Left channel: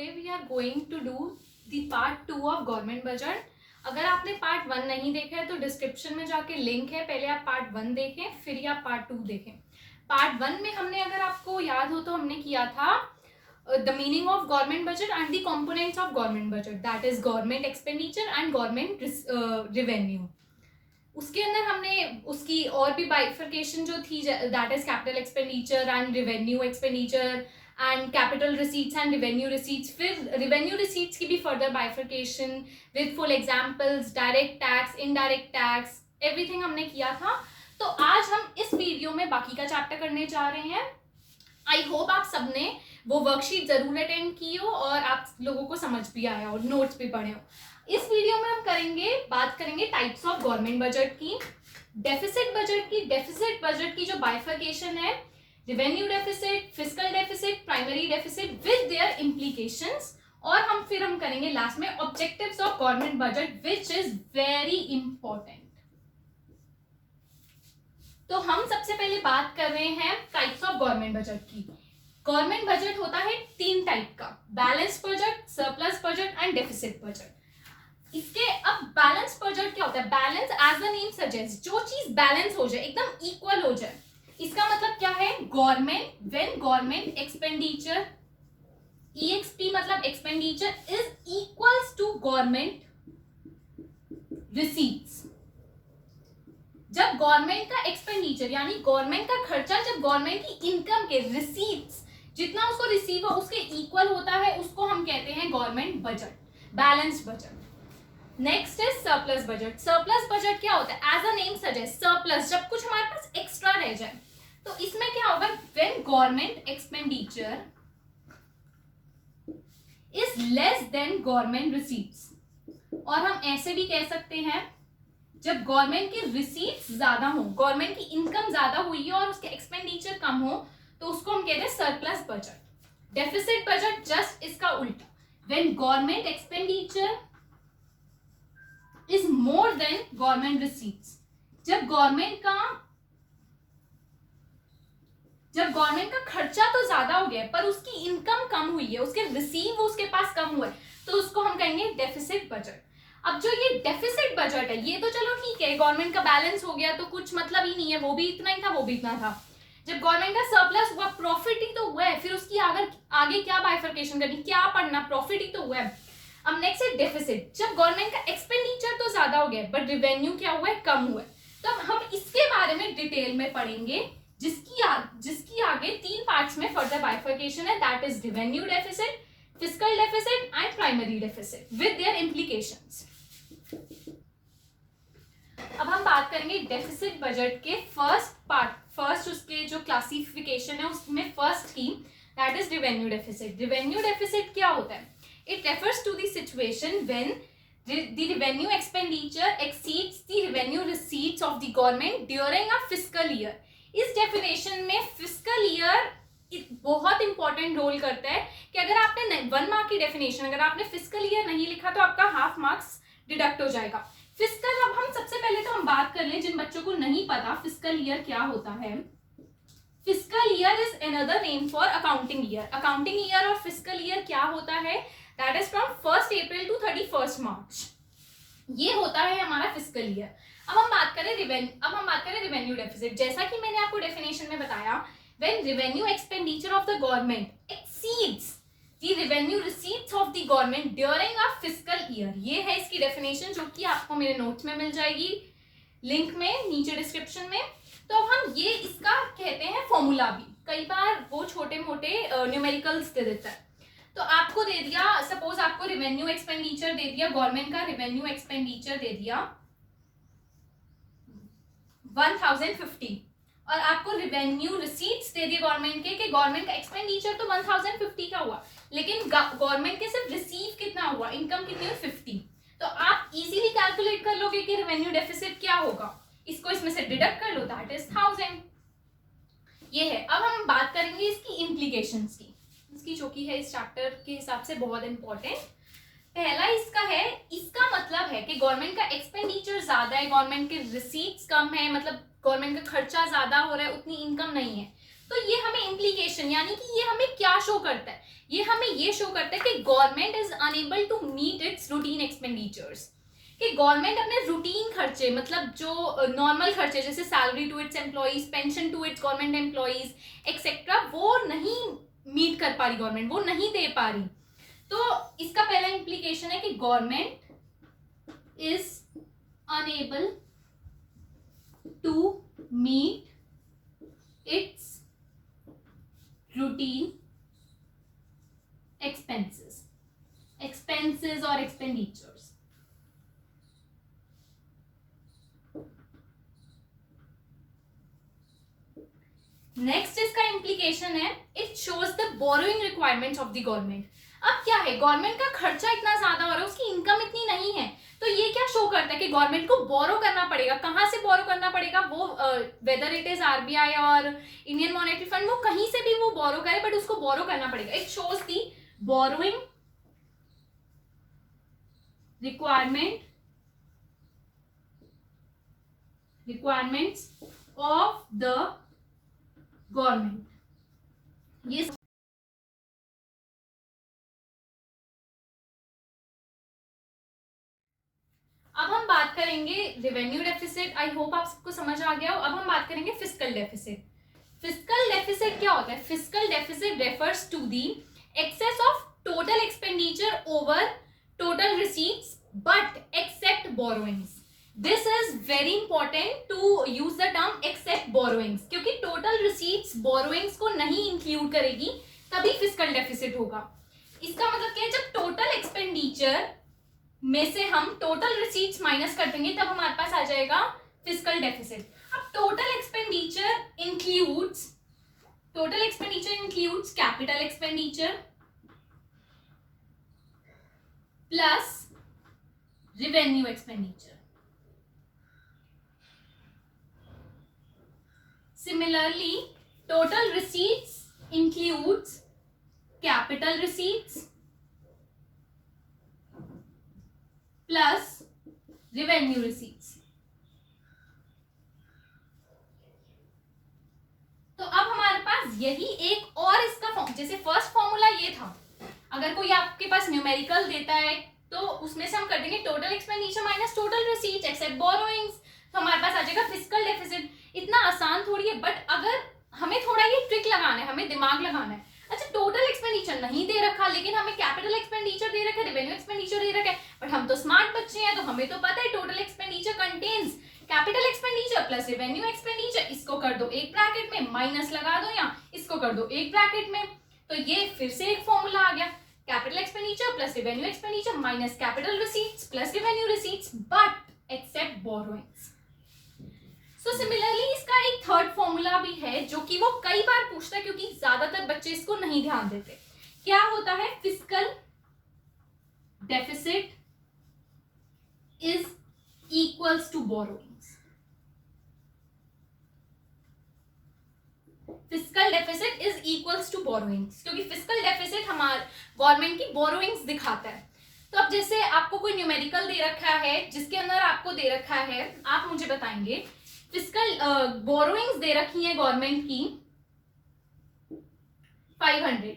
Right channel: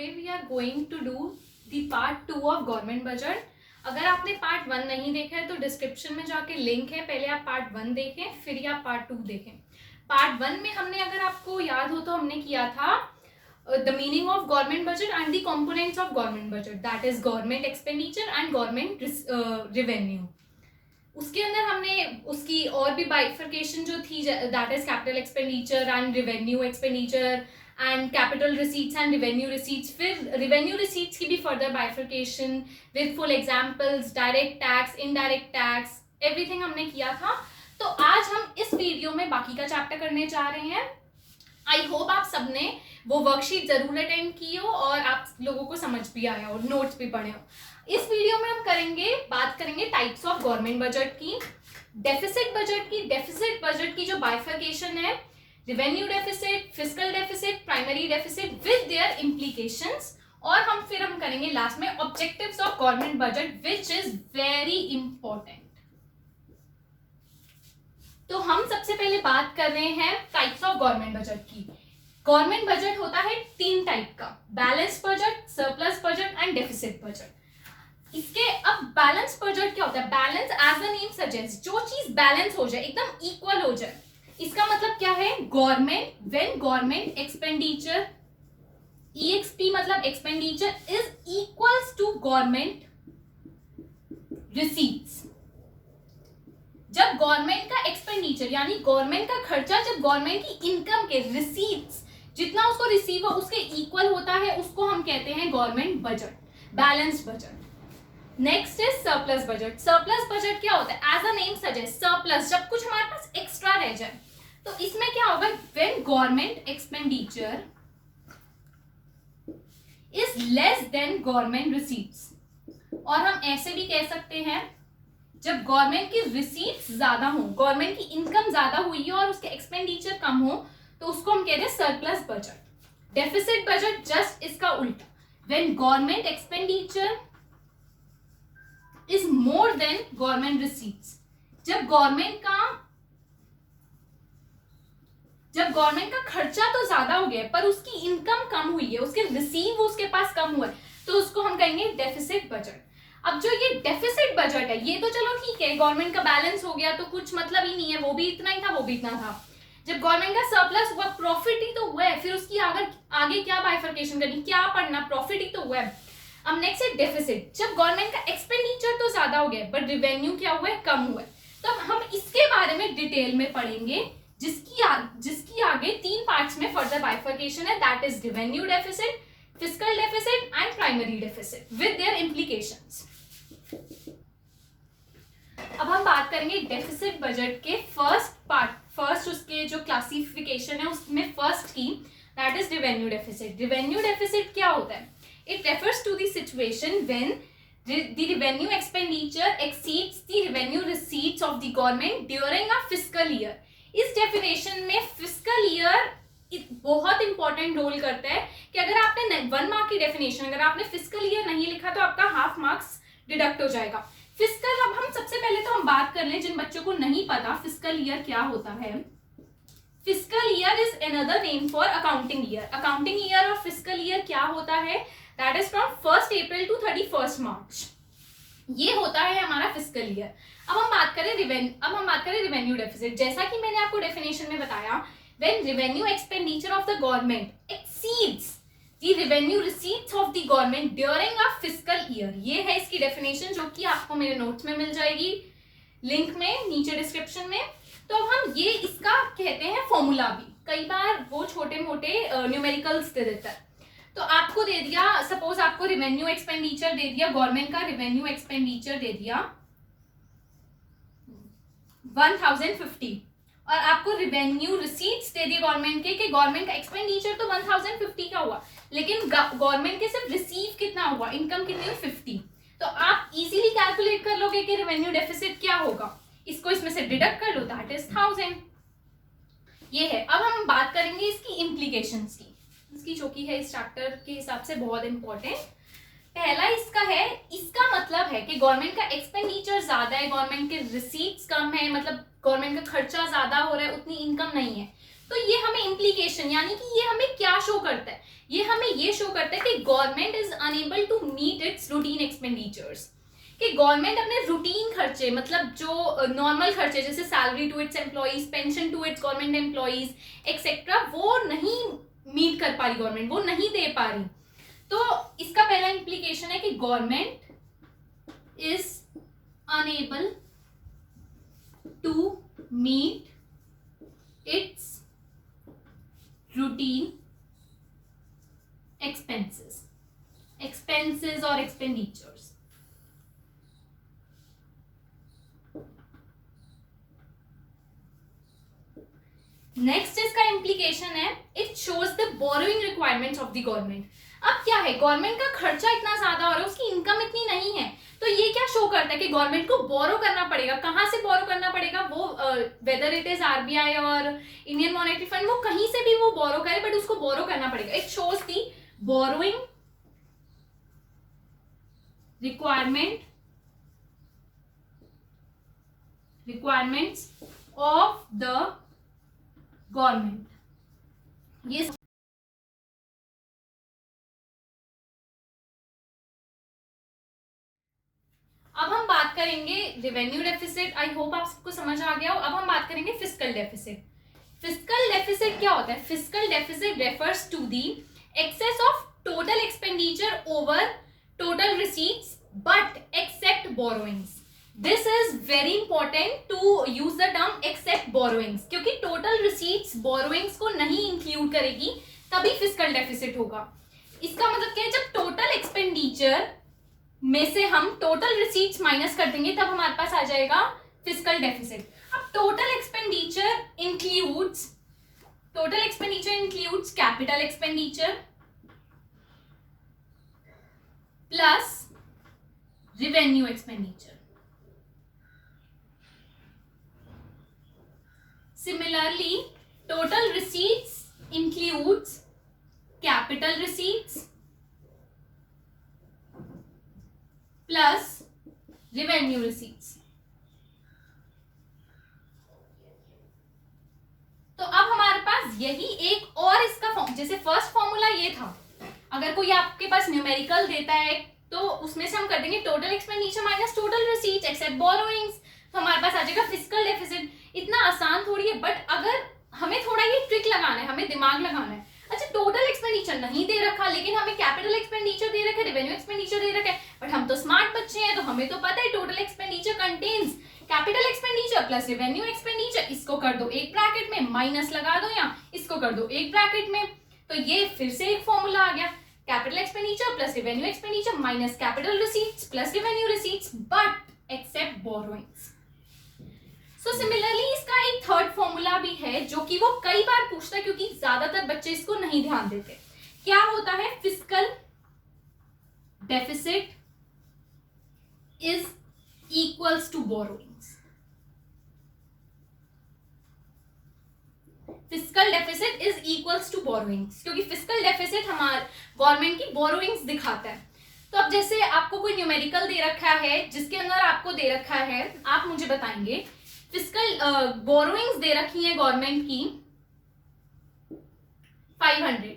today we are going to do the part 2 of government budget. अगर आपने part 1 नहीं देखा है तो डिस्क्रिप्शन में जाके लिंक है, पहले आप पार्ट 1 देखें फिर आप पार्ट 2 देखें. पार्ट 1 में हमने, अगर आपको याद हो तो हमने किया था the meaning of government budget and the components of government budget, that is government expenditure and government revenue. उसके अंदर हमने उसकी और भी बाइफर्केशन जो थी, that is capital expenditure and revenue expenditure and capital receipts and revenue receipts. फिर revenue receipts की भी further bifurcation with full examples, direct tax, indirect tax, everything हमने किया था. तो आज हम इस वीडियो में बाकी का चैप्टर करने जा रहे हैं. आई होप आप सबने वो वर्कशीट जरूर अटेंड की हो और आप लोगों को समझ भी आया हो, नोट्स भी पढ़े हो. इस वीडियो में हम बात करेंगे टाइप्स ऑफ गवर्नमेंट बजट की, डेफिसिट बजट की. डेफिसिट बजट की जो बाइफर्केशन है, revenue deficit, fiscal deficit, primary deficit with their implications, और फिर हम करेंगे लास्ट में objectives of government budget which is very important. तो हम सबसे पहले बात कर रहे हैं टाइप्स ऑफ गवर्नमेंट बजट की. गवर्नमेंट बजट होता है 3 टाइप का, balance budget, surplus budget and deficit budget. इसके अब बैलेंस बजट क्या होता है? Balance as the name suggest, जो चीज बैलेंस हो जाए, एकदम इक्वल हो जाए. इसका मतलब क्या है? Government, when government expenditure, EXP मतलब expenditure, is equals to government receipts. जब गवर्नमेंट का एक्सपेंडिचर यानी गवर्नमेंट का खर्चा जब गवर्नमेंट की इनकम के रिसीट्स जितना उसको रिसीव हो उसके इक्वल होता है, उसको हम कहते हैं government budget, balance budget. Next is surplus budget. Surplus budget क्या होता है? As a name suggest, surplus, जब कुछ हमारे पास एक्स्ट्रा रह जाए. तो इसमें क्या होगा? When government expenditure is less than government receipts. और हम ऐसे भी कह सकते हैं जब गवर्नमेंट की रिसीट्स ज्यादा हो, गवर्नमेंट की इनकम ज्यादा हुई है और उसके एक्सपेंडिचर कम हो, तो उसको हम कहते हैं surplus budget. Deficit budget just इसका उल्टा, when government expenditure is more than government receipts. जब गवर्नमेंट का खर्चा तो ज्यादा हो गया पर उसकी इनकम कम हुई है, उसके रिसीव उसके पास कम हुआ है, तो उसको हम कहेंगे डेफिसिट बजट. अब जो ये डेफिसिट बजट है, ये तो चलो ठीक है, गवर्नमेंट का बैलेंस हो गया तो कुछ मतलब ही नहीं है, वो भी इतना ही था, वो भी इतना था. जब गवर्नमेंट का सरप्लस हुआ, प्रॉफिट ही तो हुआ है, फिर उसकी आगे क्या बाइफर्केशन करनी, क्या पढ़ना, प्रॉफिट ही तो हुआ है. अब नेक्स्ट है डेफिसिट. जब गवर्नमेंट का एक्सपेंडिचर तो ज्यादा हो गया बट रेवेन्यू क्या हुआ है? कम हुआ है. तो हम इसके बारे में डिटेल में पढ़ेंगे, जिसकी आगे 3 पार्ट्स में फर्दर बाइफर्केशन है, that is revenue deficit, fiscal deficit and primary deficit with their implications. अब हम बात करेंगे डेफिसिट बजट के फर्स्ट उसके जो क्लासिफिकेशन है उसमें फर्स्ट की, that is revenue deficit. Revenue deficit क्या होता है? It refers to the situation when the revenue expenditure exceeds the revenue receipts of the government during a fiscal year. इस डेफिनेशन में फिस्कल ईयर बहुत important role करता है कि अगर आपने 1 मार्क की डेफिनेशन, अगर आपने फिस्कल ईयर नहीं लिखा तो आपका हाफ मार्क्स डिडक्ट हो जाएगा. फिस्कल, अब हम सबसे पहले तो हम बात कर लें जिन बच्चों को नहीं पता फिस्कल ईयर क्या होता है. Fiscal year is another name for accounting year. Accounting year और फिस्कल ईयर क्या होता है? That is from 1st April to 31st March. ये होता है हमारा फिस्कल ईयर. अब हम बात करें रेवेन्यू डेफिसिट. जैसा कि मैंने आपको डेफिनेशन में बताया, when revenue expenditure of the government exceeds the revenue receipts of the government during a fiscal year. ये है इसकी डेफिनेशन, जो कि आपको मेरे नोट्स में मिल जाएगी, लिंक में नीचे डिस्क्रिप्शन में. तो अब हम ये इसका कहते हैं फॉर्मूला भी. कई बार वो छोटे मोटे न्यूमेरिकल्स दे देता है. तो आपको दे दिया, सपोज आपको रेवेन्यू एक्सपेंडिचर दे दिया, गवर्नमेंट का रेवेन्यू एक्सपेंडिचर दे दिया 1050 और आपको रेवेन्यू रिसीट्स दे दी गवर्नमेंट के, कि गवर्नमेंट का एक्सपेंडिचर तो 1050 का हुआ, लेकिन गवर्नमेंट के सिर्फ रिसीव कितना हुआ, इनकम कितनी हुई? 50. तो आप इजीली कैलकुलेट कर लोगे कि रेवेन्यू डेफिसिट क्या होगा. इसको इसमें से डिडक्ट कर लो, दैट इज 1000. ये है. अब हम बात करेंगे इसकी इम्प्लीकेशंस की, इसकी जो कि है इस चैप्टर के हिसाब से बहुत इंपॉर्टेंट. पहला इसका मतलब है कि गवर्नमेंट का एक्सपेंडिचर ज्यादा है, गवर्नमेंट के रिसीट्स कम है, मतलब गवर्नमेंट का खर्चा ज्यादा हो रहा है, उतनी इनकम नहीं है, तो ये हमें इम्प्लीकेशन यानी कि ये हमें क्या शो करता है, ये हमें ये शो करता है कि government is enable to meet its routine expenditures, कि गवर्नमेंट अपने रूटीन खर्चे मतलब जो नॉर्मल खर्चे जैसे salary to its employees, pension to its government employees etcetera, वो नहीं मीट कर पा रही गवर्नमेंट, वो नहीं दे पा रही। तो इसका पहला इम्प्लीकेशन है कि government is enable to meet its routine expenses or expenditures. Next इसका इम्प्लीकेशन है it shows the borrowing requirements of the government. अब क्या है, गवर्नमेंट का खर्चा इतना ज्यादा हो रहा है, उसकी इनकम इतनी नहीं है, तो ये क्या शो करता है कि गवर्नमेंट को बोरो करना पड़ेगा। कहाँ से बोरो करना पड़ेगा, वो वेदर इट इज आरबीआई और इंडियन मॉनेटरी फंड, वो कहीं से भी वो बोरो करे बट उसको बोरो करना पड़ेगा। It shows the borrowing requirements of the government. ये अब हम बात करेंगे रेवेन्यू डेफिसिट। आई होप आप सबको समझ आ गया हो। अब हम बात करेंगे फिस्कल डेफिसिट। फिस्कल डेफिसिट क्या होता है? Fiscal deficit refers to the excess of total expenditure over total receipts but except borrowings. This is very important to use the term except borrowings, क्योंकि टोटल रिसीट्स बोरोइंग्स को नहीं include करेगी, तभी fiscal deficit होगा। इसका मतलब क्या है, जब टोटल एक्सपेंडिचर में से हम टोटल रिसीट्स माइनस कर देंगे तब हमारे पास आ जाएगा फिस्कल डेफिसिट। अब total expenditure includes capital expenditure plus revenue expenditure. Similarly total receipts includes capital receipts plus revenue receipts. तो अब हमारे पास यही एक और इसका फॉर्म, जैसे फर्स्ट फॉर्मूला ये था, अगर कोई आपके पास न्यूमेरिकल देता है तो उसमें से हम कर देंगे total expenditure minus total receipts except borrowings, तो हमारे पास आ जाएगा फिस्कल डेफिसिट। इतना आसान थोड़ी है, बट अगर हमें थोड़ा ये ट्रिक लगाना है, हमें दिमाग लगाना है। अच्छा, टोटल एक्सपेंडिचर नहीं दे रखा, लेकिन हमें कैपिटल एक्सपेंडिचर दे रखा है, रेवेन्यू एक्सपेंडिचर दे रखा है, बट हम तो स्मार्ट बच्चे हैं, तो हमें तो पता है total expenditure contains capital expenditure plus revenue expenditure. इसको कर दो एक ब्रैकेट में, माइनस लगा दो, या इसको कर दो एक ब्रैकेट में, तो ये फिर से एक फॉर्मूला आ गया, capital expenditure plus revenue expenditure minus capital receipts plus revenue receipts but except borrowings. So similarly इसका एक थर्ड फॉर्मूला भी है जो कि वो कई बार पूछता है, क्योंकि ज्यादातर बच्चे इसको नहीं ध्यान देते। क्या होता है? Fiscal deficit is equals to borrowings. Fiscal deficit is equals to borrowings, क्योंकि फिस्कल डेफिसिट हमारे गवर्नमेंट की बोरोइंग्स दिखाता है। तो अब जैसे आपको कोई न्यूमेरिकल दे रखा है जिसके अंदर आपको दे रखा है, आप मुझे बताएंगे फिस्कल बोरोइंग्स दे रखी है गवर्नमेंट की 500,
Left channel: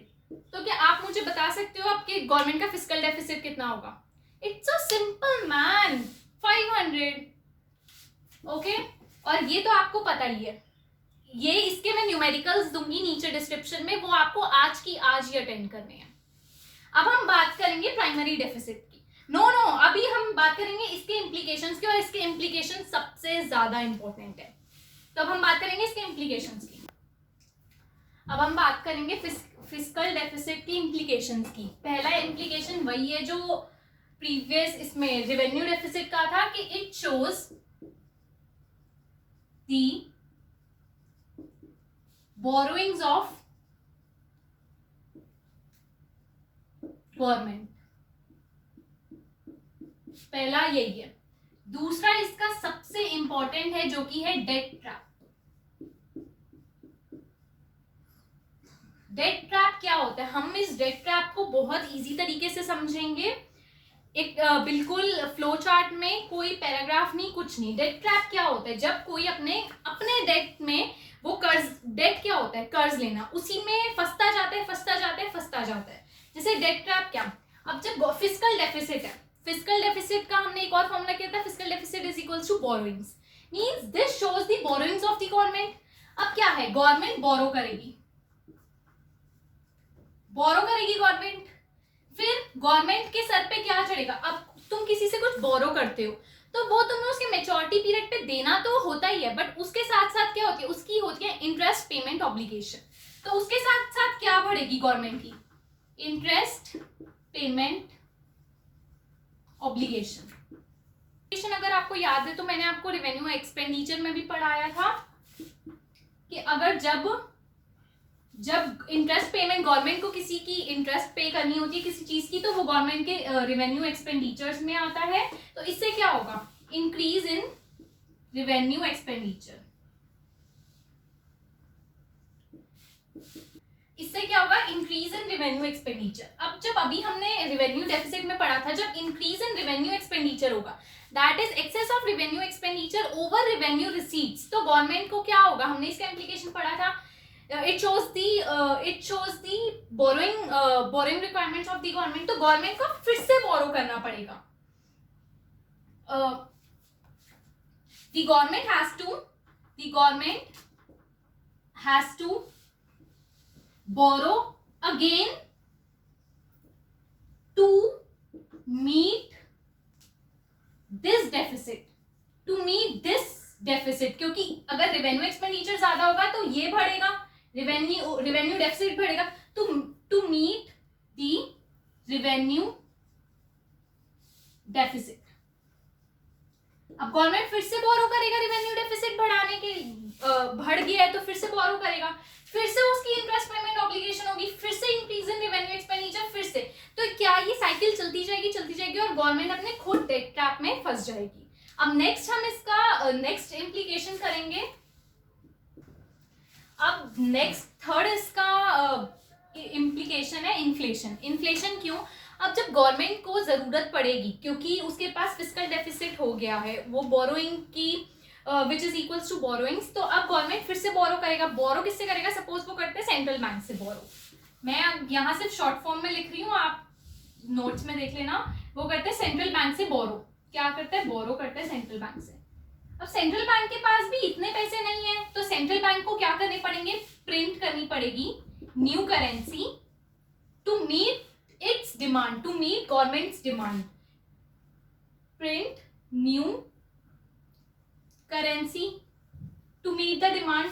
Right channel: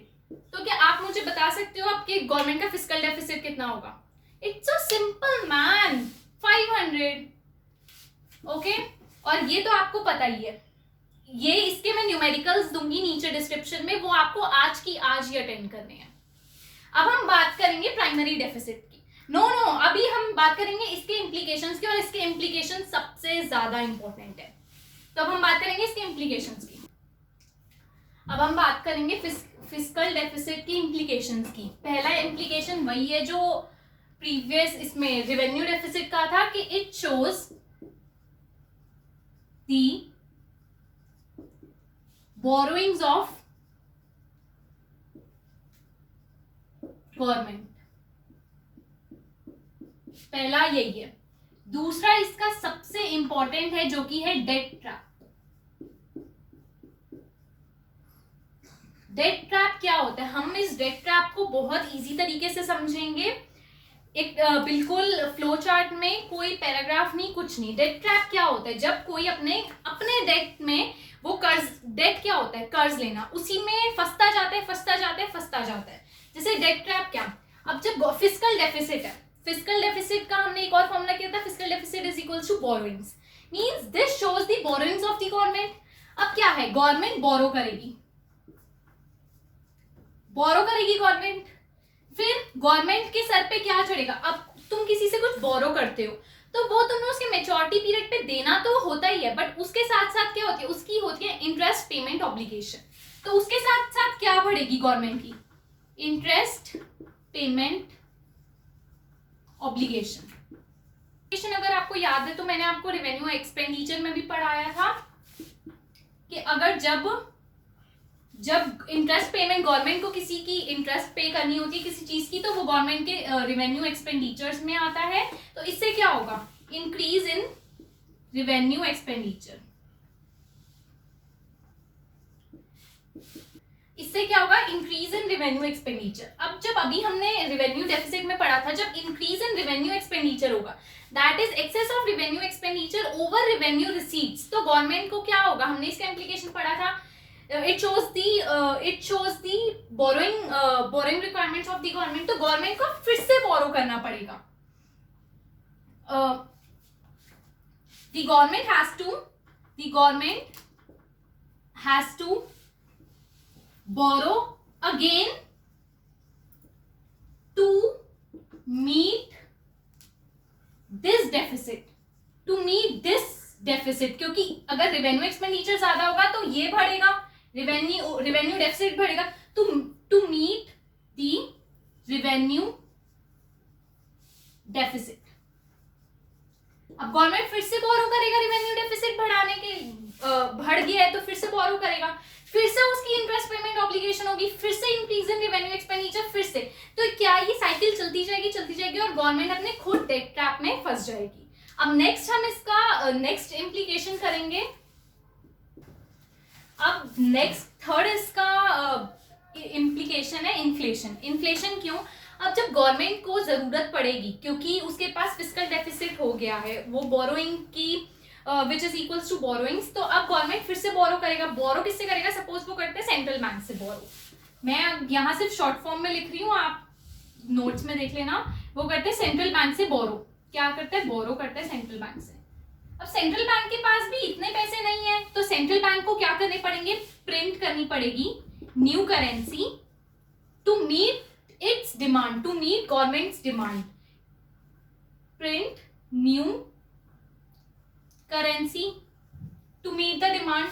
तो क्या आप मुझे बता सकते हो आपके गवर्नमेंट का फिस्कल डेफिसिट कितना होगा? It's so simple man, 500। Okay, और ये तो आपको पता ही है, ये इसके मैं न्यूमेरिकल्स दूंगी नीचे डिस्क्रिप्शन में, वो आपको आज की आज ही अटेंड करने हैं। अब हम बात करेंगे प्राइमरी डेफिसिट की। नो अभी हम बात करेंगे इसके इम्प्लीकेशंस की, और इसके इम्प्लीकेशन सबसे ज्यादा इंपॉर्टेंट है। तो अब हम बात करेंगे इसके इम्प्लीकेशंस की। अब हम बात करेंगे फिस्कल डेफिसिट की इम्प्लीकेशंस की। पहला इम्प्लीकेशन वही है जो प्रीवियस इसमें रेवेन्यू डेफिसिट का था, कि it shows the borrowings of government. पहला यही है। दूसरा इसका सबसे इंपॉर्टेंट है जो कि है डेट ट्रैप। डेट ट्रैप क्या होता है? हम इस डेट ट्रैप को बहुत इजी तरीके से समझेंगे, एक बिल्कुल फ्लो चार्ट में, कोई पैराग्राफ नहीं, कुछ नहीं। डेट ट्रैप क्या होता है? जब कोई अपने डेट में वो कर्ज डेट क्या होता है, कर्ज लेना, उसी में फंसता जाता है, फंसता जाता है, फंसता जाता है। जैसे डेट ट्रैप क्या, अब जब फिस्कल डेफिसिट है, फिस्कल डेफिसिट का हमने एक और फॉर्मूला किया था, fiscal deficit is equals to borrowings, means this shows the borrowings of the government. अब क्या है, गवर्नमेंट बोरो करेगी, गवर्नमेंट, फिर गवर्नमेंट के सर पे क्या चढ़ेगा, अब तुम किसी से कुछ बोरो करते हो तो वो तुम्हें उसके मेच्योरिटी पीरियड पे देना तो होता ही है, बट उसके साथ साथ क्या होती है, उसकी होती है इंटरेस्ट पेमेंट ऑब्लिगेशन। तो उसके साथ साथ क्या बढ़ेगी गवर्नमेंट की, इंटरेस्ट पेमेंट ऑब्लिगेशन। अगर आपको याद है तो मैंने आपको रेवेन्यू एक्सपेंडिचर में भी पढ़ाया था कि अगर जब इंटरेस्ट पेमेंट, गवर्नमेंट को किसी की इंटरेस्ट पे करनी होती है किसी चीज की, तो वो गवर्नमेंट के रेवेन्यू एक्सपेंडिचर्स में आता है। तो इससे क्या होगा, इंक्रीज इन रेवेन्यू एक्सपेंडिचर। इससे क्या होगा, इंक्रीज इन रेवेन्यू एक्सपेंडिचर। अब जब अभी हमने रेवेन्यू डेफिसिट में पढ़ा था, जब इंक्रीज इन रेवेन्यू एक्सपेंडिचर होगा, that is excess of revenue expenditure over revenue receipts, तो गवर्नमेंट को क्या होगा, हमने इसका इम्प्लीकेशन पढ़ा था, it shows the borrowing requirements of the government। तो गवर्नमेंट को फिर से बोरो करना पड़ेगा। the government has to borrow again to meet this deficit, क्योंकि अगर रेवेन्यू एक्सपेंडिचर ज्यादा होगा तो ये बढ़ेगा, रेवेन्यू डेफिसिट बढ़ेगा, to meet the revenue deficit. अब गवर्नमेंट फिर से बोरो करेगा, रेवेन्यू डेफिसिट बढ़ाने के बढ़ गया है तो फिर से बोरो करेगा, फिर से उसकी इंटरेस्ट पेमेंट ऑब्लिगेशन होगी, फिर से इंक्रीज इन रेवेन्यू एक्सपेंडिचर, फिर से, तो क्या ये साइकिल चलती जाएगी और गवर्नमेंट अपने खुद डेट ट्रैप में फंस जाएगी। अब नेक्स्ट हम इसका नेक्स्ट इम्प्लीकेशन करेंगे। अब नेक्स्ट थर्ड इसका इम्प्लीकेशन है इन्फ्लेशन। इन्फ्लेशन क्यों, अब जब गवर्नमेंट को जरूरत पड़ेगी क्योंकि उसके पास फिस्कल डेफिसिट हो गया है, वो बोरोइंग की which is equals to borrowings, तो अब गवर्नमेंट फिर से बोरो करेगा। बोरो किससे करेगा, सपोज वो करते हैं सेंट्रल बैंक से बोरो, मैं यहाँ सिर्फ शॉर्ट फॉर्म में लिख रही हूँ, आप नोट्स में देख लेना। वो करते हैं सेंट्रल बैंक से बोरो, क्या करते हैं, बोरो करते हैं सेंट्रल बैंक से। अब सेंट्रल बैंक के पास भी इतने पैसे नहीं है, तो सेंट्रल बैंक को क्या करने पड़ेंगे, प्रिंट करनी पड़ेगी new currency to meet its demand, to meet government's demand, print new currency to meet the demand.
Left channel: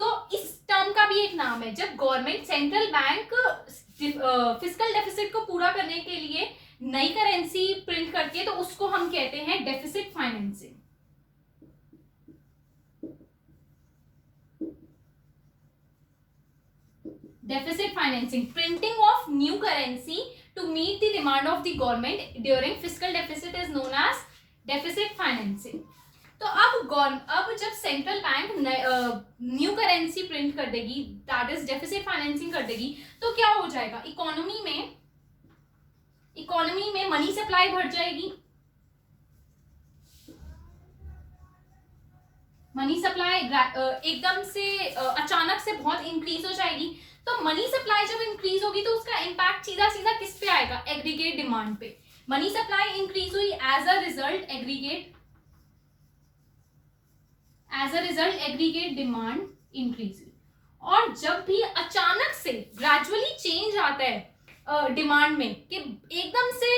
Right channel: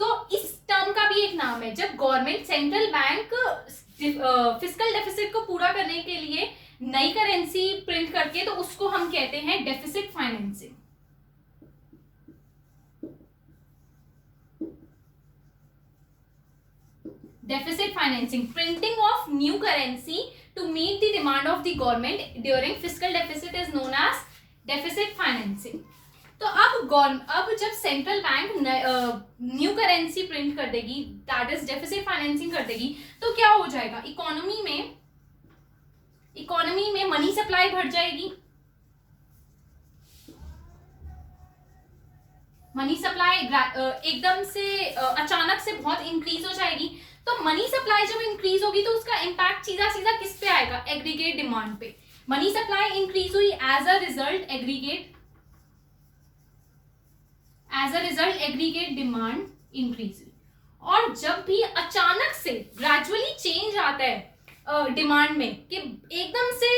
तो इस टर्म का भी एक नाम है, जब government central bank fiscal deficit को पूरा करने के लिए नई करेंसी प्रिंट करके, तो उसको हम कहते हैं deficit financing. Deficit financing, printing of new currency to meet the demand of the government during fiscal deficit is known as deficit financing। तो अब जब central bank new currency print कर देगी, दैट इज डेफिसिट फाइनेंसिंग कर देगी, तो क्या हो जाएगा, इकोनॉमी में मनी सप्लाई बढ़ जाएगी, मनी सप्लाई एकदम से अचानक से बहुत इंक्रीज हो जाएगी। तो मनी सप्लाई जब इंक्रीज होगी तो उसका इम्पैक्ट सीधा सीधा किस पे आएगा, एग्रीगेट डिमांड पे। मनी सप्लाई इंक्रीज हुई, as a result aggregate demand increase हुई। और जब भी अचानक से ग्रेजुअली चेंज आता है डिमांड में, कि एकदम से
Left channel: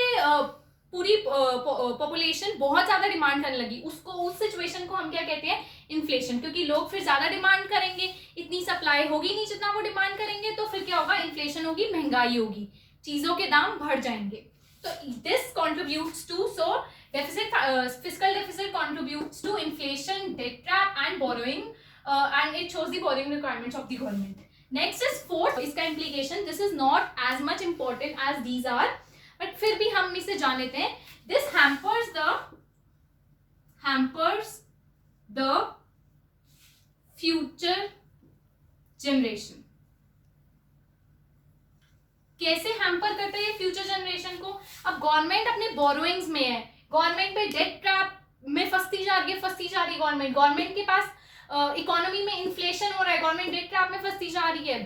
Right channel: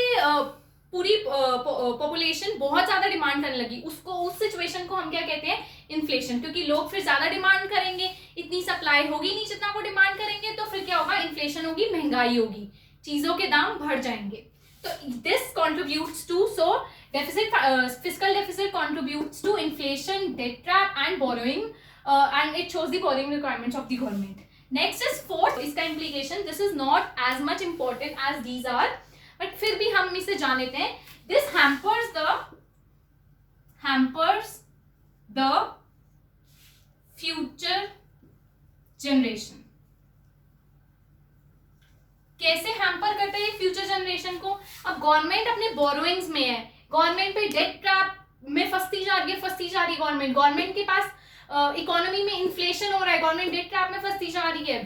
पूरी पॉपुलेशन बहुत ज्यादा डिमांड करने लगी, उस सिचुएशन को हम क्या कहते हैं, इन्फ्लेशन। क्योंकि लोग फिर ज्यादा डिमांड करेंगे, इतनी सप्लाई होगी नहीं जितना वो डिमांड करेंगे, तो फिर क्या होगा, इन्फ्लेशन होगी, महंगाई होगी, चीजों के दाम बढ़ जाएंगे। तो this contributes to, so fiscal deficit contributes to inflation, debt trap and borrowing, and it shows the borrowing requirements of the government. Next is fourth, इसका implication, this is not as much important as these are, but फिर भी हम इसे जान लेते हैं। This hampers the future generation. कैसे hamper करते हैं फ्यूचर जनरेशन को, अब गवर्नमेंट अपने बोरोइंग्स में है, गवर्नमेंट पे डेट ट्रैप में फंसती जा रही है गवर्नमेंट के पास इकोनॉमी में इन्फ्लेशन हो रहा है, गवर्नमेंट डेट ट्रैप में फंसती जा रही है,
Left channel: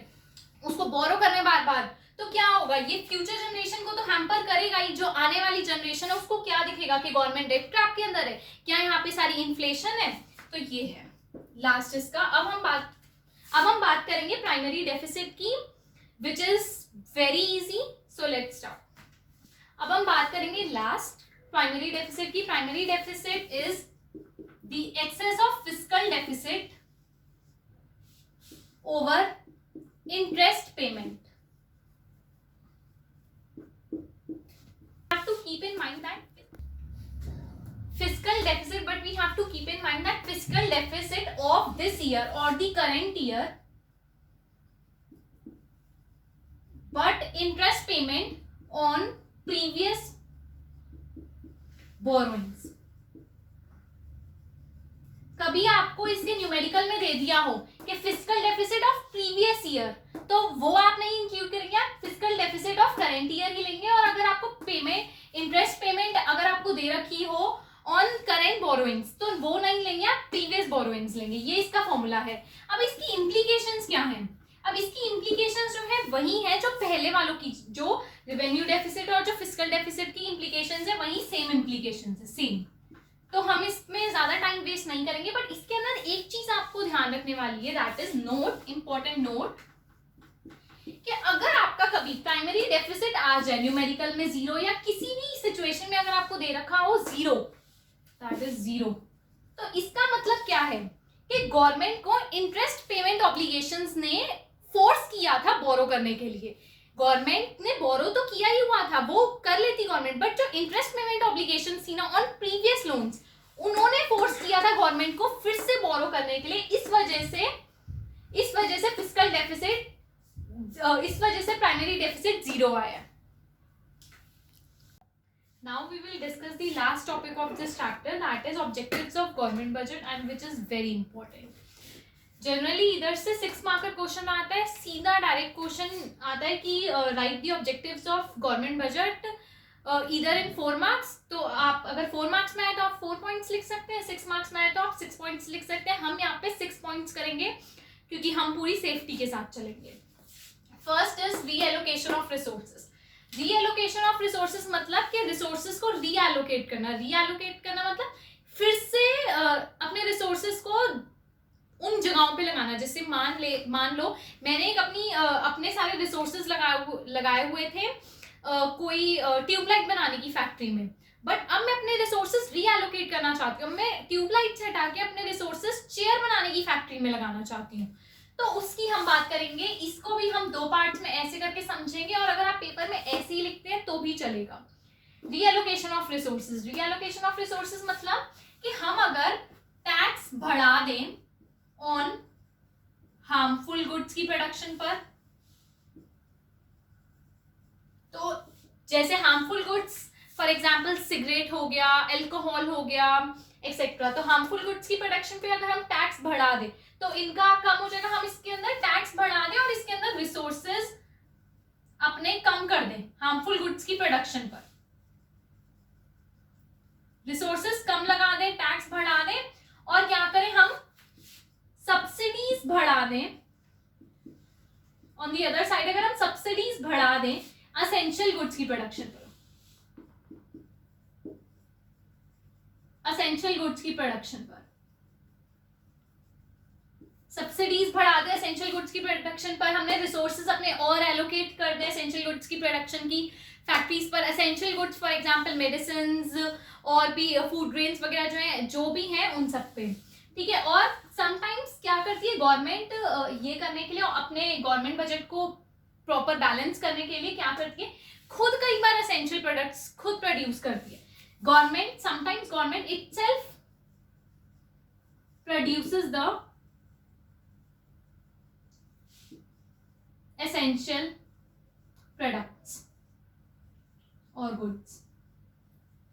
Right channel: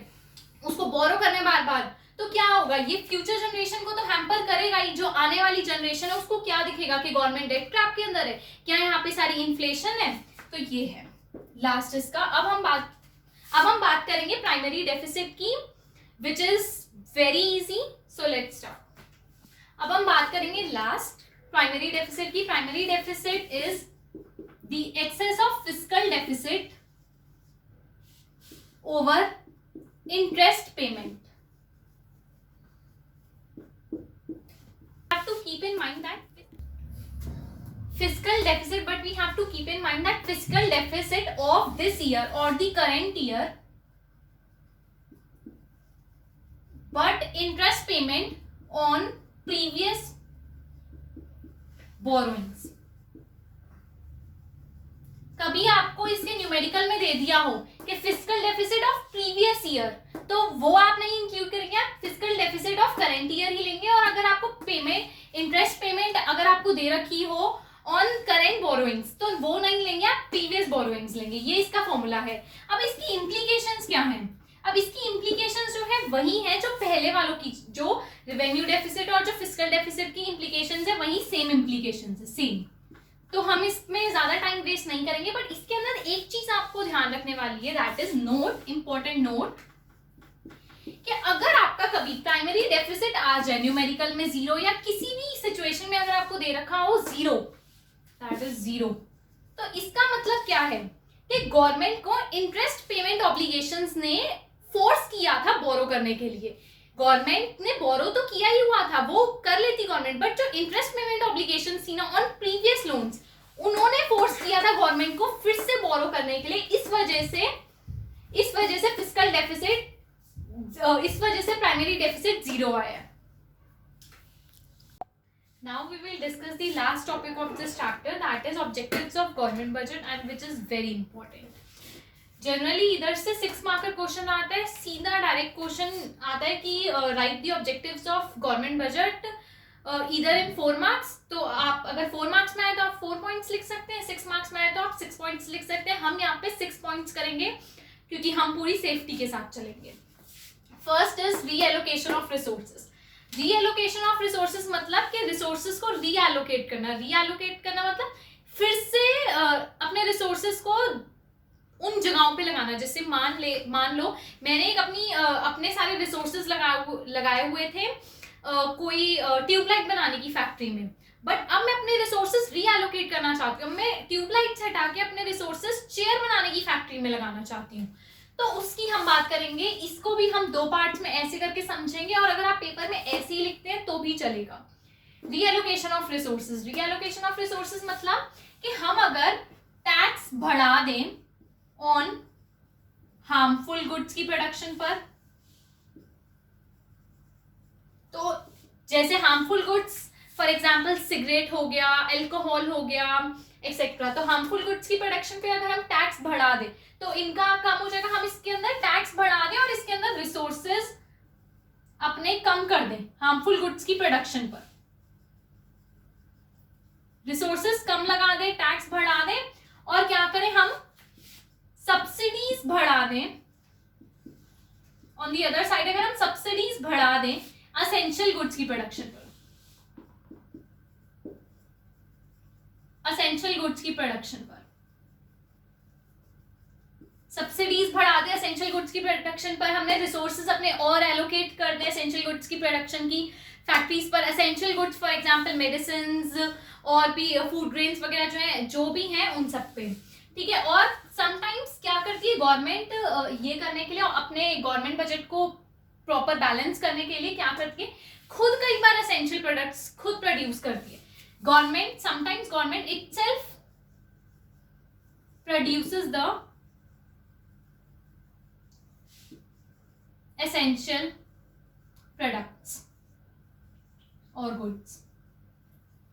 उसको बोरो करने बार बार, तो क्या होगा, ये फ्यूचर जनरेशन को तो हैम्पर करेगा ही। जो आने वाली जनरेशन है उसको क्या दिखेगा कि गवर्नमेंट डेट ट्रैप के अंदर है, क्या यहाँ पे सारी इन्फ्लेशन है। तो ये है लास्ट इसका। अब हम बात करेंगे प्राइमरी डेफिसिट की, which is very easy. So let's start. अब हम बात करेंगे लास्ट प्राइमरी डेफिसिट की। Primary deficit is the excess of fiscal deficit over interest payment. have to keep in mind that fiscal deficit, but we have to keep in mind that fiscal deficit of this year or the current year, but interest payment on previous borrowings. कभी आपको इसके numerical में दे दिया हो कि fiscal deficit of previous year, तो वो आप नहीं इंक्लूड करेंगे, आप fiscal deficit of current year ही लेंगे। और अगर आपको पेमेंट इंटरेस्ट पेमेंट अगर आपको दे रखी हो ऑन करंट बोरोइंग्स, तो वो नहीं लेंगे, आप प्रीवियस बोरोइंग्स लेंगे। ये इसका फॉर्मूला है। अब इसकी इम्प्लीकेशंस क्या हैं? अब इसकी इम्प्लीकेशंस जो है वही है जो पहले वालों की, जो रेवेन्यू डेफिसिट और जो फिस्कल डेफिसिट की इम्प्लीकेशंस है वही सेम इम्प्लीकेशंस है, सेम। तो हम इसमें ज्यादा टाइम वेस्ट नहीं करेंगे, बट इसके अंदर एक चीज आपको ध्यान रखने वाली है, that is note, important note, कि अगर आपका कभी प्राइमरी डेफिसिट आ जाए न्यूमेरिकल में 0 या किसी भी सिचुएशन में अगर आपको दे रखा हो 0, दैट इज 0, तो इसका मतलब क्या है कि गवर्नमेंट को इंटरेस्ट पेमेंट ऑब्लिगेशंस ने फोर्स किया था बोरो करने के लिए। गवर्नमेंट ने बोरो तो किया ही हुआ था, वो कर लेती गवर्नमेंट, बट जो इंटरेस्ट पेमेंट ऑब्लिगेशंस थी ना ऑन प्रीवियस लोन्स, उन्होंने फोर्स किया था गवर्नमेंट को फिर से बोरो करने के लिए। इस वजह से फिस्कल डेफिसिट, इस वजह से प्राइमरी डेफिसिट 0 आया। Now we will discuss the last topic of this chapter, that is objectives of government budget, and which is very important. Generally इधर से 6 मार्क का क्वेश्चन आता है, सीधा डायरेक्ट क्वेश्चन आता है कि right the objectives of government budget इधर इन 4 मार्क्स। तो आप अगर 4 मार्क्स में आए तो आप 4 पॉइंट्स लिख सकते हैं, 6 मार्क्स में आए तो आप 6 पॉइंट्स लिख सकते हैं। हम यहाँ पे 6 पॉइंट्स करेंगे क्योंकि हम पूरी सेफ्टी के साथ चलेंगे। First is reallocation of resources. Reallocation of resources मतलब कि रिसोर्सेज को रीएलोकेट करना। रीएलोकेट करना मतलब फिर से अपने रिसोर्सेज को उन जगहों पे लगाना। जैसे मान लो मैंने अपने सारे रिसोर्सेज लगाए हुए थे कोई ट्यूबलाइट बनाने की फैक्ट्री में, बट अब मैं अपने रिसोर्सेज रीएलोकेट करना चाहती हूँ। मैं ट्यूबलाइट से हटा के अपने रिसोर्सेज चेयर बनाने की फैक्ट्री में लगाना चाहती हूँ, तो उसकी हम बात करेंगे। इसको भी हम 2 पार्ट्स में ऐसे करके समझेंगे, और अगर आप पेपर में ऐसे ही लिखते हैं तो भी चलेगा। Reallocation of resources. Reallocation of resources मतलब कि हम अगर टैक्स बढ़ा दें ऑन हार्मफुल गुड्स की प्रोडक्शन पर, तो जैसे harmful goods for example cigarette हो गया, अल्कोहल हो गया एक्सेट्रा, तो हार्मफुल गुड्स की प्रोडक्शन पे अगर हम टैक्स बढ़ा दें तो इनका कम हो जाएगा। हम इसके अंदर टैक्स बढ़ा दें और इसके अंदर रिसोर्सेज अपने कम कर दें हार्मफुल गुड्स की प्रोडक्शन पर, रिसोर्सेज कम लगा दें, टैक्स बढ़ा दें, और क्या करें हम सब्सिडीज बढ़ा दें। ऑन दी अदर साइड अगर हम सब्सिडीज बढ़ा दें असेंशियल गुड्स की प्रोडक्शन पर, असेंशियल गुड्स की प्रोडक्शन पर सब्सिडीज बढ़ा दे, एसेंशियल गुड्स की प्रोडक्शन पर हमने रिसोर्सेज अपने और एलोकेट कर दे एसेंशियल गुड्स की प्रोडक्शन की फैक्ट्रीज पर। Essential goods for example medicine और भी फूड ग्रेन्स वगैरह जो भी हैं उन सब पे, ठीक है। और समटाइम्स क्या करती है गवर्नमेंट, ये करने के लिए अपने गवर्नमेंट बजट को प्रॉपर बैलेंस करने के लिए क्या करती है, खुद कई बार एसेंशियल प्रोडक्ट्स खुद प्रोड्यूस करती है government. Sometimes government itself produces the essential products और गुड्स।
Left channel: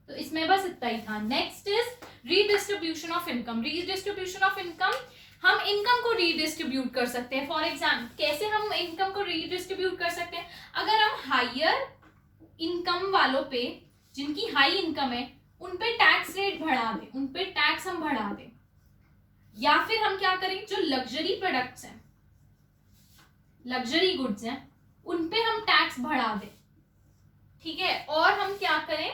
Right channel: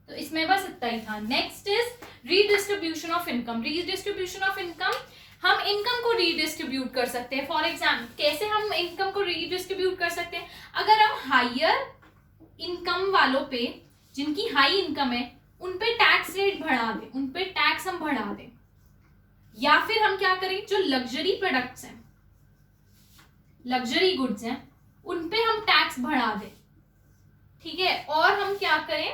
तो इसमें बस इतना ही था। Next is redistribution of income. Redistribution of income, हम इनकम को रीडिस्ट्रीब्यूट कर सकते हैं। फॉर एग्जाम्पल कैसे हम इनकम को रीडिस्ट्रीब्यूट कर सकते हैं, अगर हम हायर इनकम वालों पे, जिनकी हाई इनकम है, उन पे टैक्स रेट बढ़ा दें, उन पे टैक्स हम बढ़ा दें, या फिर हम क्या करें, जो लग्जरी प्रोडक्ट्स हैं, लग्जरी गुड्स हैं, उन पे हम टैक्स बढ़ा दें, ठीक है। और हम क्या करें,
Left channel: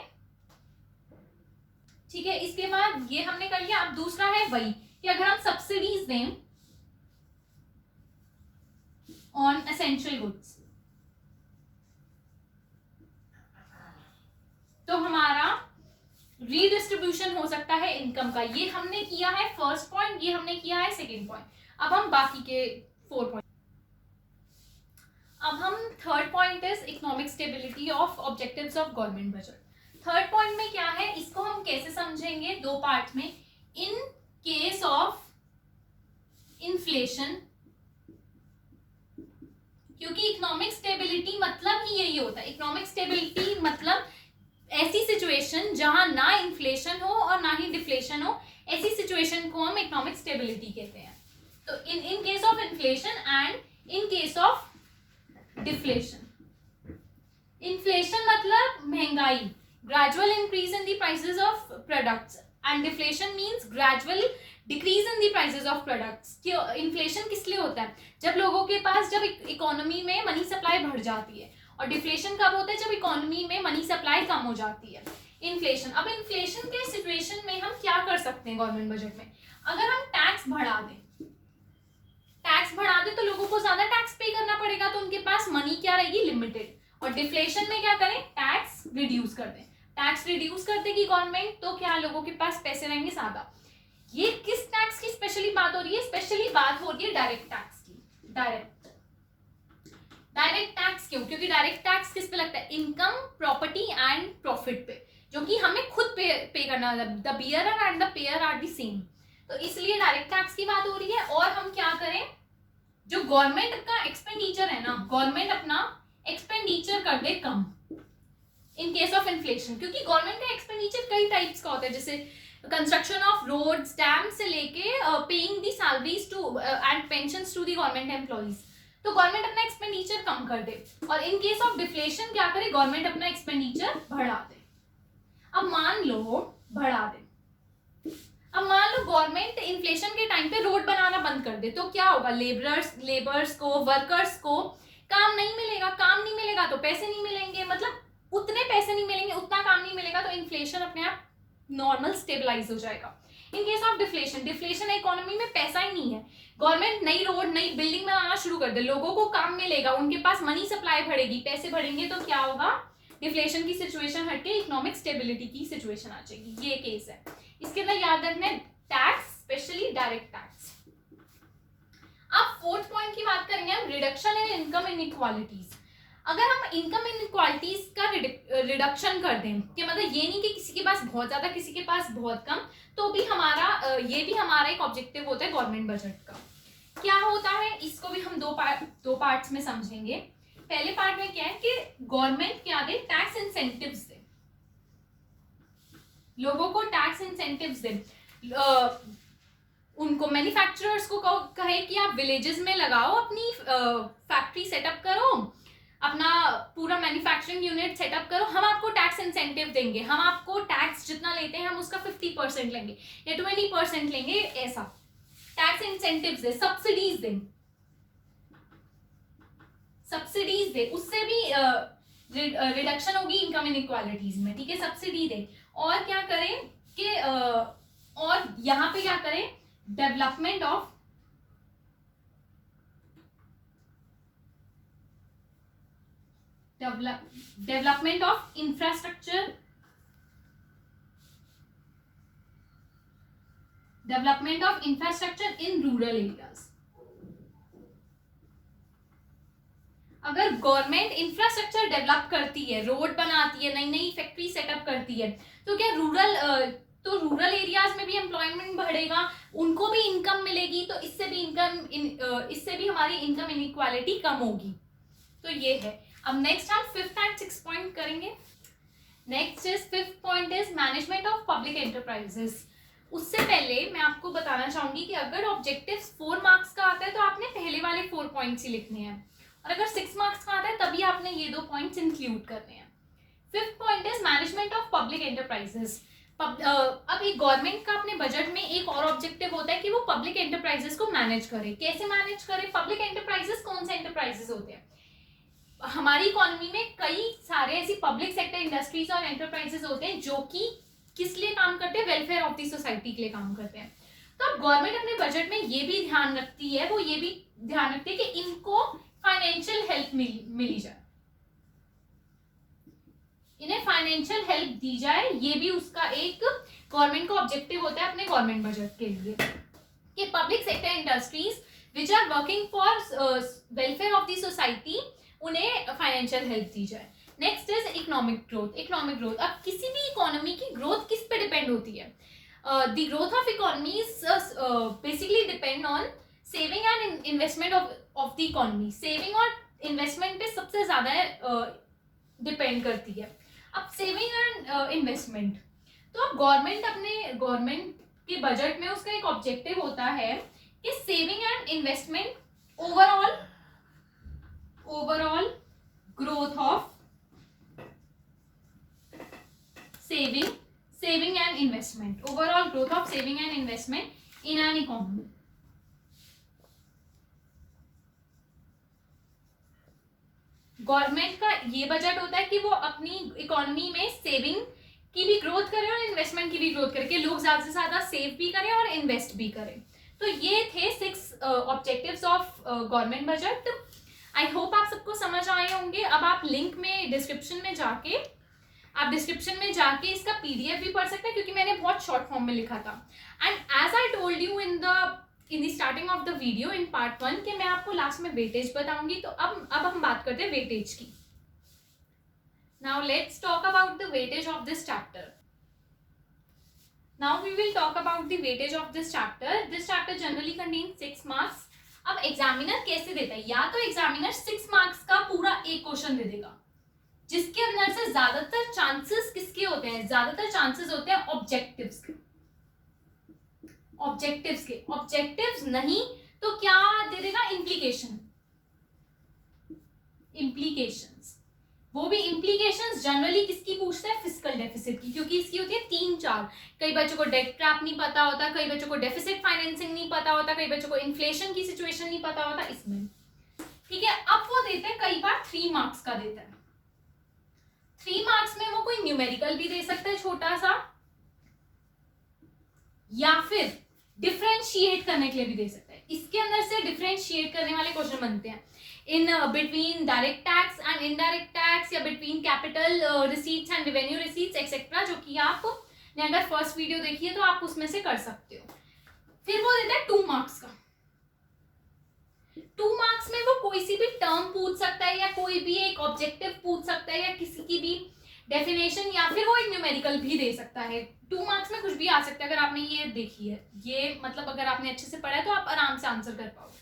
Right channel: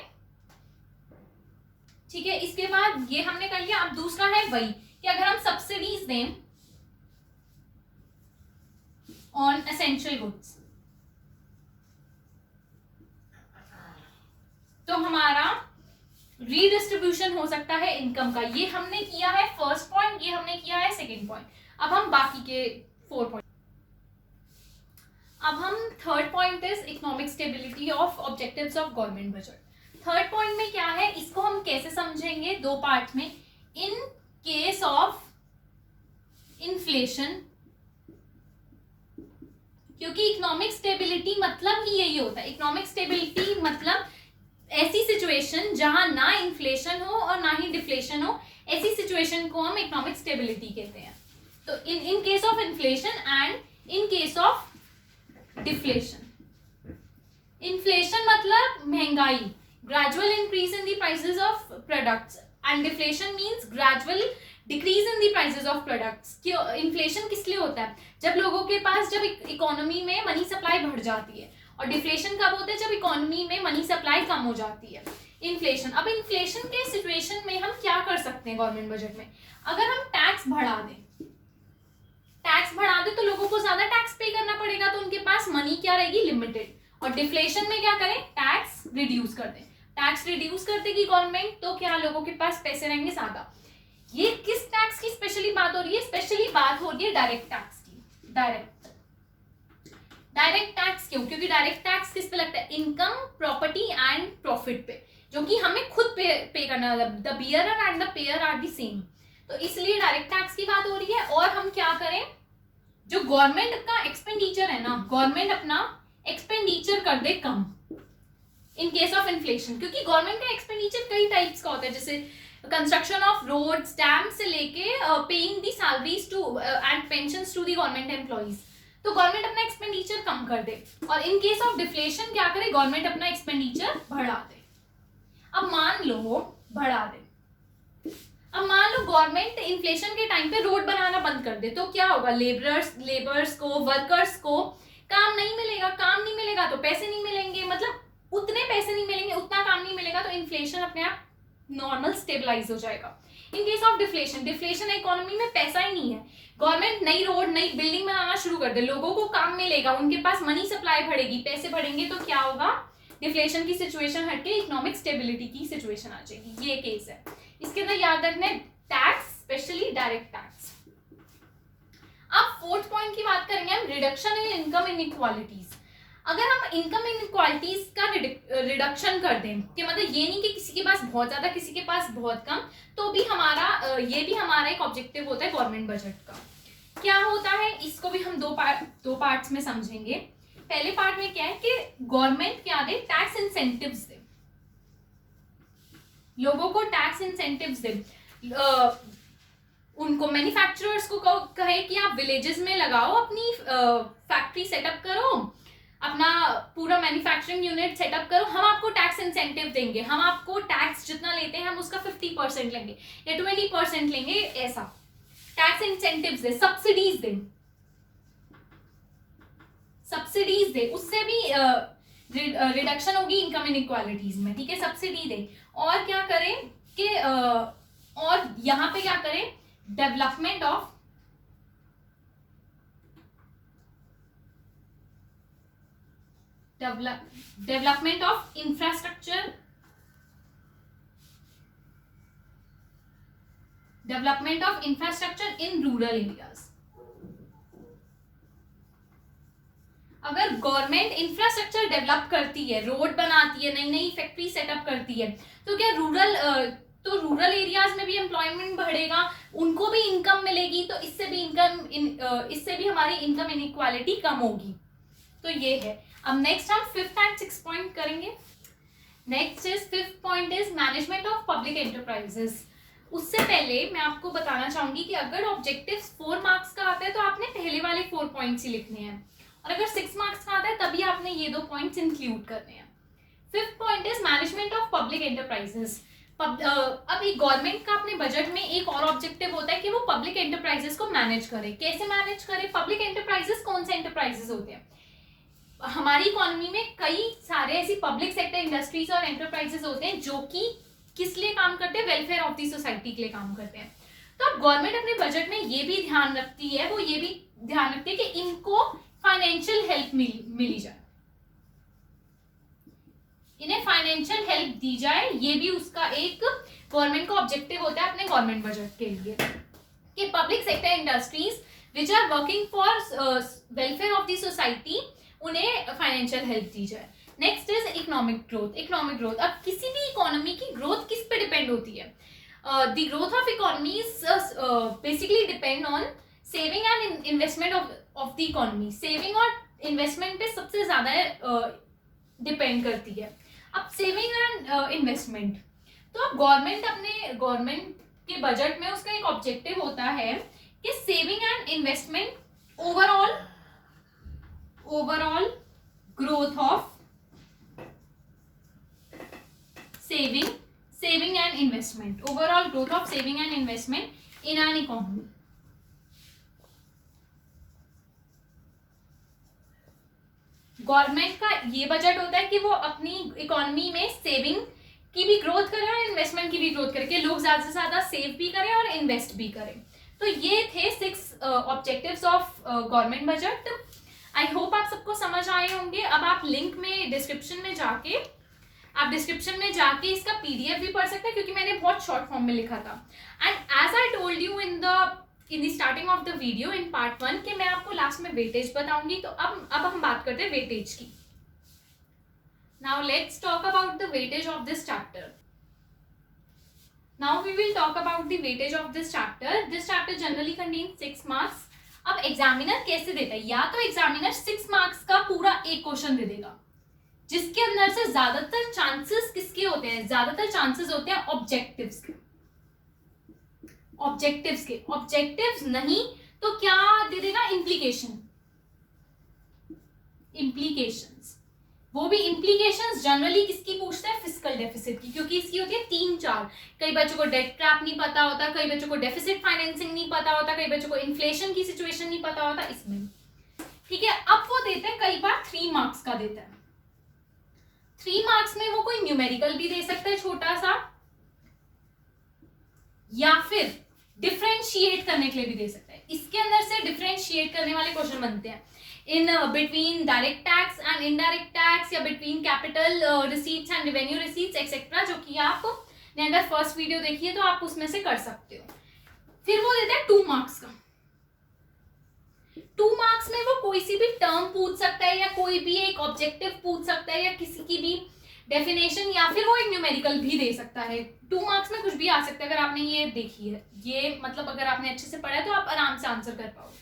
ठीक है, इसके बाद ये हमने कर लिया। अब दूसरा है वही कि अगर हम सब्सिडीज दें ऑन एसेंशियल गुड्स, तो हमारा रीडिस्ट्रीब्यूशन हो सकता है इनकम का। ये हमने किया है फर्स्ट पॉइंट, ये हमने किया है सेकंड पॉइंट। अब हम बाकी के 4 पॉइंट, अब हम third point is economic stability of objectives of government budget. Third point में क्या है, इसको हम कैसे समझेंगे, 2 पार्ट में। इन केस ऑफ इन्फ्लेशन, क्योंकि इकोनॉमिक स्टेबिलिटी मतलब ही यही होता है। इकोनॉमिक स्टेबिलिटी मतलब ऐसी सिचुएशन जहां ना इन्फ्लेशन हो और ना ही डिफ्लेशन हो, ऐसी सिचुएशन को हम इकोनॉमिक स्टेबिलिटी कहते हैं। तो in case of inflation and in case of deflation. Inflation मतलब महंगाई, gradual increase in the prices of products, and deflation means gradual decrease in the prices of products. Inflation किस लिए होता है, जब लोगों के पास, जब इकोनॉमी में मनी सप्लाई बढ़ जाती है। और डिफ्लेशन कब होता है, जब इकोनॉमी में मनी सप्लाई कम हो जाती है। इन्फ्लेशन, अब इन्फ्लेशन के सिचुएशन में हम क्या कर सकते हैं गवर्नमेंट बजट में, अगर हम टैक्स बढ़ा दें, टैक्स बढ़ा दे तो लोगों को ज्यादा टैक्स पे करना पड़ेगा, तो उनके पास मनी क्या रहेगी, लिमिटेड। और डिफ्लेशन में क्या करें, टैक्स रिड्यूस कर दें। टैक्स रिड्यूस कर देगी गवर्नमेंट, तो क्या लोगों के पास पैसे रहेंगे ज्यादा। ये किस टैक्स की स्पेशली बात हो रही है, स्पेशली बात हो रही है डायरेक्ट टैक्स की। डायरेक्ट टैक्स क्यों, क्योंकि डायरेक्ट टैक्स किस पे लगता है, इनकम, प्रॉपर्टी एंड प्रॉफिट पे, जो कि हमें खुद पे करना है। The bearer and the payer are the same, तो इसलिए डायरेक्ट टैक्स की बात हो रही है। और हम क्या करें, जो गवर्नमेंट का एक्सपेंडिचर है ना, गवर्नमेंट अपना एक्सपेंडिचर कर दे कम इन केस ऑफ इन्फ्लेशन, क्योंकि गवर्नमेंट का एक्सपेंडिचर कई टाइप्स का होता है, जैसे कंस्ट्रक्शन ऑफ रोड्स, डैम से लेके paying the salaries to and pensions to the government employees. तो गवर्नमेंट अपना एक्सपेंडिचर कम कर दे, और इन केस ऑफ डिफ्लेशन क्या करे, गवर्नमेंट अपना एक्सपेंडिचर बढ़ा दे। अब मान लो बढ़ा दे, अब मान लो गवर्नमेंट इन्फ्लेशन के टाइम पे रोड बनाना बंद कर दे, तो क्या होगा, लेबर्स को, वर्कर्स को काम नहीं मिलेगा। काम नहीं मिलेगा तो पैसे नहीं मिलेंगे, मतलब उतने पैसे नहीं मिलेंगे, उतना काम नहीं मिलेगा, तो इन्फ्लेशन अपने आप नॉर्मल स्टेबलाइज हो जाएगा। In case of deflation, deflation economy में पैसा ही नहीं है, गवर्नमेंट नई रोड, नई बिल्डिंग बनाना शुरू कर दे, लोगों को काम मिलेगा, उनके पास मनी सप्लाई बढ़ेगी, पैसे बढ़ेंगे, तो क्या होगा, डिफ्लेशन की सिचुएशन हटके इकोनॉमिक स्टेबिलिटी की सिचुएशन आ जाएगी। ये केस है। इसके अंदर याद रखना है टैक्स, स्पेशली डायरेक्ट टैक्स। अब फोर्थ पॉइंट की बात करेंगे हम, रिडक्शन इन इनकम इनइक्वालिटीज। अगर हम इनकम इनइक्वालिटीज का रिडक्शन कर दें, कि मतलब ये नहीं कि किसी के पास बहुत ज्यादा, किसी के पास बहुत कम, तो भी हमारा ये भी हमारा एक ऑब्जेक्टिव होता है गवर्नमेंट बजट का। क्या होता है, इसको भी हम दो पार्ट्स में समझेंगे। पहले पार्ट में क्या है कि गवर्नमेंट क्या दे, टैक्स इंसेंटिव्स दे, लोगों को टैक्स इंसेंटिव्स दे। उनको मैन्युफैक्चरर्स को कहे कि आप विलेजेस में लगाओ, अपनी फैक्ट्री सेटअप करो, अपना पूरा मैन्युफैक्चरिंग यूनिट सेटअप करो, हम आपको टैक्स इंसेंटिव देंगे, हम आपको टैक्स जितना लेते हैं हम उसका 50% लेंगे या 20% लेंगे, ऐसा टैक्स इंसेंटिव्स दे, सब्सिडीज दे, सब्सिडीज दे, उससे भी रिडक्शन होगी इनकम इनइक्वालिटीज में, ठीक है, सब्सिडी दे। और क्या करें कि और यहां पे क्या करें, development of infrastructure, development of infrastructure in rural areas. अगर गवर्नमेंट इंफ्रास्ट्रक्चर डेवलप करती है, रोड बनाती है, नई नई फैक्ट्री सेटअप करती है, तो क्या रूरल एरियाज में भी एम्प्लॉयमेंट बढ़ेगा, उनको भी इनकम मिलेगी, तो इससे भी हमारी इनकम इनइक्वालिटी कम होगी। तो ये है। अब नेक्स्ट हम 5th एंड 6th पॉइंट करेंगे। Next is 5th point is management of public enterprises. उससे पहले मैं आपको बताना चाहूंगी कि अगर ऑब्जेक्टिव्स 4 मार्क्स का आता है तो आपने पहले वाले 4 पॉइंट्स ही लिखने हैं, और अगर 6 मार्क्स का आता है तभी आपने ये 2 पॉइंट्स इंक्लूड करने हैं। 5th point is management of public enterprises. अब एक गवर्नमेंट का अपने बजट में एक और ऑब्जेक्टिव होता है कि वो पब्लिक एंटरप्राइजेस को मैनेज करे। कैसे मैनेज करे? पब्लिक एंटरप्राइजेस कौन से एंटरप्राइजेस होते हैं? हमारी इकोनॉमी में कई सारे ऐसी पब्लिक सेक्टर इंडस्ट्रीज और एंटरप्राइजेस होते हैं जो कि किस लिए काम करते हैं? वेलफेयर ऑफ दी सोसाइटी के लिए काम करते हैं। तो अब गवर्नमेंट अपने बजट में ये भी ध्यान रखती है, वो ये भी ध्यान रखती है कि इनको फाइनेंशियल हेल्प मिली जाए, इन्हें फाइनेंशियल हेल्प दी जाए। ये भी उसका एक गवर्नमेंट का ऑब्जेक्टिव होता है अपने गवर्नमेंट बजट के लिए कि public sector industries which are working for welfare of the society, उन्हें फाइनेंशियल हेल्प दी जाए। Next is economic growth. Economic growth, अब किसी भी इकोनॉमी की ग्रोथ किस पे डिपेंड होती है? The growth of economies basically depend on saving and investment of the economy. Saving और इन्वेस्टमेंट पे सबसे ज्यादा डिपेंड करती है। अब सेविंग एंड इन्वेस्टमेंट, तो अब गवर्नमेंट के बजट में उसका एक ऑब्जेक्टिव होता है कि saving and investment, overall growth of saving and investment, overall growth of saving and investment in an economy. Government का ये बजट होता है कि वो अपनी इकोनॉमी में सेविंग की भी ग्रोथ करें और इन्वेस्टमेंट की भी ग्रोथ करें, कि लोग ज्यादा से ज्यादा सेव भी करें और इन्वेस्ट भी करें। तो ये थे 6 objectives of government budget. I hope आप सबको समझ आए होंगे। अब आप लिंक में डिस्क्रिप्शन में जाके इसका पीडीएफ भी पढ़ सकते हैं, क्योंकि मैंने बहुत शॉर्ट फॉर्म में लिखा था। And as I told you in the starting of the video in part 1 कि मैं आपको लास्ट में वेटेज बताऊंगी। तो अब हम बात करते हैं वेटेज की। Now let's talk about the weightage of this chapter. Now we will talk about the weightage of this chapter. This chapter generally contains 6 marks. अब एग्जामिनर कैसे देता है? या तो एग्जामिनर 6 मार्क्स का पूरा एक क्वेश्चन दे देगा, जिसके अंदर से ज्यादातर चांसेस किसके होते हैं? ज्यादातर चांसेस होते हैं ऑब्जेक्टिव्स के। ऑब्जेक्टिव्स नहीं तो क्या दे देगा? इम्प्लीकेशंस। वो भी इम्प्लीकेशंस जनरली किसकी पूछते हैं? फिस्कल डेफिसिट की, क्योंकि इसकी होती है 3-4। कई बच्चों को डेट ट्रैप नहीं पता होता, कई बच्चों को डेफिसिट फाइनेंसिंग नहीं पता होता, कई बच्चों को इन्फ्लेशन की सिचुएशन नहीं पता होता इसमें। ठीक है, अब वो देते हैं कई बार 3 मार्क्स का देता है। 3 मार्क्स में वो कोई न्यूमेरिकल भी दे सकता है छोटा सा, या फिर डिफरेंशिएट करने के लिए भी दे सकता है। इसके अंदर से डिफरेंशिएट करने वाले क्वेश्चन बनते हैं in between direct tax and indirect tax, या between capital receipts and revenue receipts etcetera, जो कि आप ने अगर फर्स्ट वीडियो देखी है तो आप उसमें से कर सकते हो। फिर वो देता है 2 मार्क्स का। 2 मार्क्स में वो कोई सी भी टर्म पूछ सकता है, या कोई भी एक ऑब्जेक्टिव पूछ सकता है, या किसी की भी डेफिनेशन, या फिर वो एक न्यूमेरिकल भी दे सकता है। 2 मार्क्स में कुछ भी आ सकता है। अगर आपने ये देखी है, ये मतलब अगर आपने अच्छे से पढ़ा है तो आप आराम से आंसर कर पाओगे।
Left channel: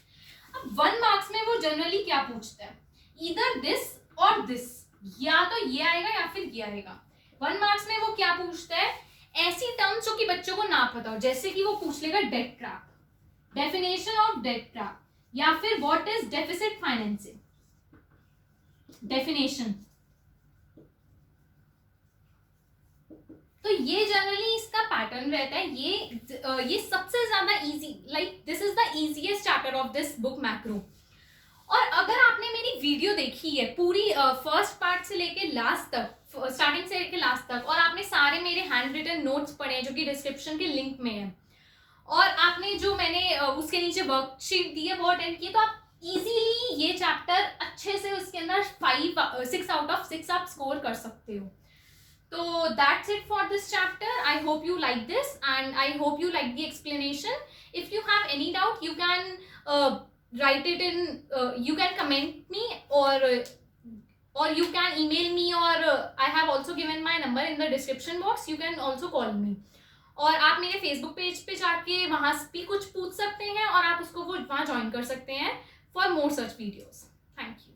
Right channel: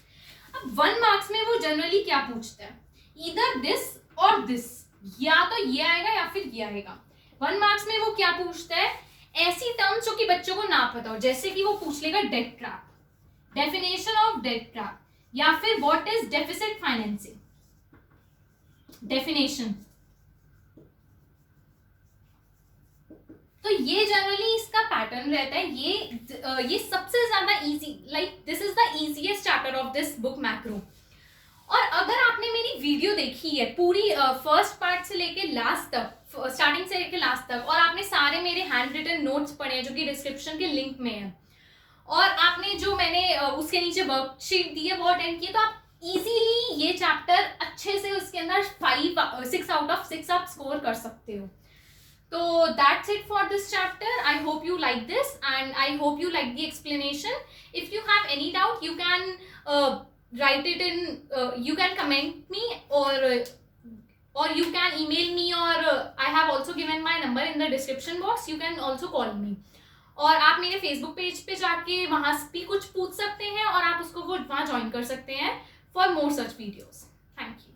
अब 1 मार्क्स में वो जनरली क्या पूछता है? ईदर दिस और दिस, या तो ये आएगा या फिर ये आएगा। 1 मार्क्स में वो क्या पूछता है? ऐसी टर्म्स जो कि बच्चों को ना पता हो, जैसे कि वो पूछ लेगा debt trap, definition of debt trap, या फिर what is deficit financing, definition. तो ये जनरली इसका पैटर्न रहता है। ये सबसे ज्यादा easy, like this is the easiest chapter of this book macro. और अगर आपने मेरी वीडियो देखी है पूरी फर्स्ट पार्ट से लेके लास्ट तक, स्टार्टिंग से लेके लास्ट तक, और आपने सारे मेरे हैंड रिटन नोट्स पढ़े हैं जो कि डिस्क्रिप्शन के लिंक में है, और आपने जो मैंने उसके नीचे वर्कशीट दी है वो अटेंड किए, तो आप इजीली ये चैप्टर अच्छे से उसके अंदर 6 आउट ऑफ 6 आप स्कोर कर सकते हो। So that's it for this chapter. I hope you like this, and I hope you like the explanation. If you have any doubt, you can write it in. You can comment me, or you can email me, or I have also given my number in the description box. You can also call me. और आप मेरे Facebook page पे जाके वहाँ भी कुछ पूछ सकते हैं, और आप उसको वो वहाँ ज्वाइन कर सकते हैं for more such videos. Thank you.